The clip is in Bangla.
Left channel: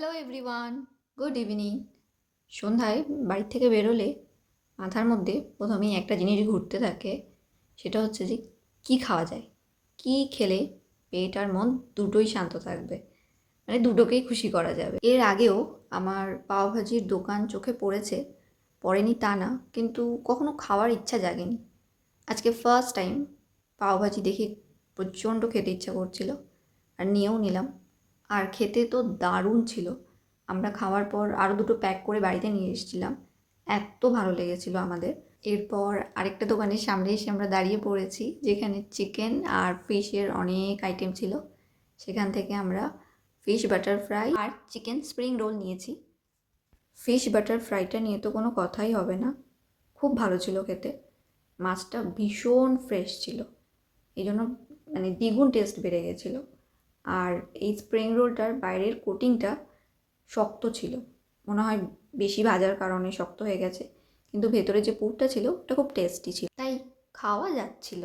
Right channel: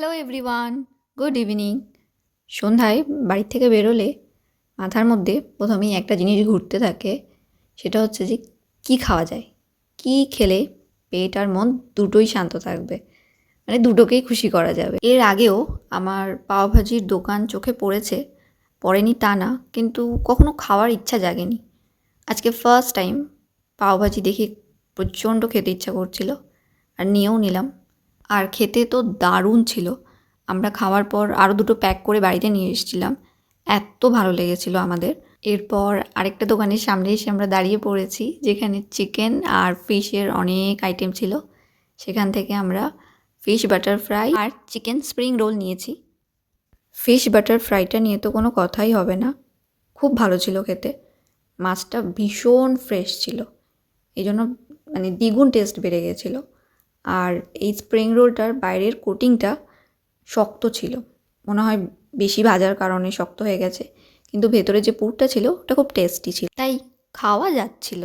Hello everyone, good evening. সন্ধ্যায় বাড়ি থেকে বেরোলে মাথার মধ্যে প্রথমেই একটা জিনিস ঘুরতে থাকে, সেটা হচ্ছে যে কী খাওয়া যায়, কী খেলে পেট আর মন দুটোই শান্ত থাকবে, মানে দুটোকেই খুশি করা যাবে। এর আগেও আমার পাওভাজির দোকান চোখে পড়েনি তা না, কিন্তু কখনো খাওয়ার ইচ্ছা জাগেনি। আজকে ফার্স্ট টাইম পাওভাজি দেখে প্রচণ্ড খেতে ইচ্ছা করছিল আর নিয়েও নিলাম। আর খেতে তো দারুণ ছিল। আমরা খাওয়ার পর আরও দুটো প্যাক করে বাড়িতে নিয়ে এসেছিলাম, এত ভালো লেগেছিল আমাদের। এরপর আরেকটা দোকানের সামনে এসে আমরা দাঁড়িয়ে পড়েছি, যেখানে চিকেন আর ফিশের অনেক আইটেম ছিল। সেখান থেকে আমরা ফিশ বাটার ফ্রাই আর চিকেন স্প্রিং রোল নিয়েছি। ফিশ বাটার ফ্রাইটা নিয়ে তো কোনো কথাই হবে না, খুব ভালো ছিল খেতে। মাছটা ভীষণ ফ্রেশ ছিল, এই জন্য মানে দ্বিগুণ টেস্ট বেড়ে গেছিলো। আর এই স্প্রিং রোলটার বাইরের কোটিংটা শক্ত ছিল, মনে হয় বেশি ভাজার কারণে শক্ত হয়ে গেছে, কিন্তু ভেতরে যে পুরটা ছিল ওটা খুব টেস্টি ছিল, তাই খাওয়া যাচ্ছিল।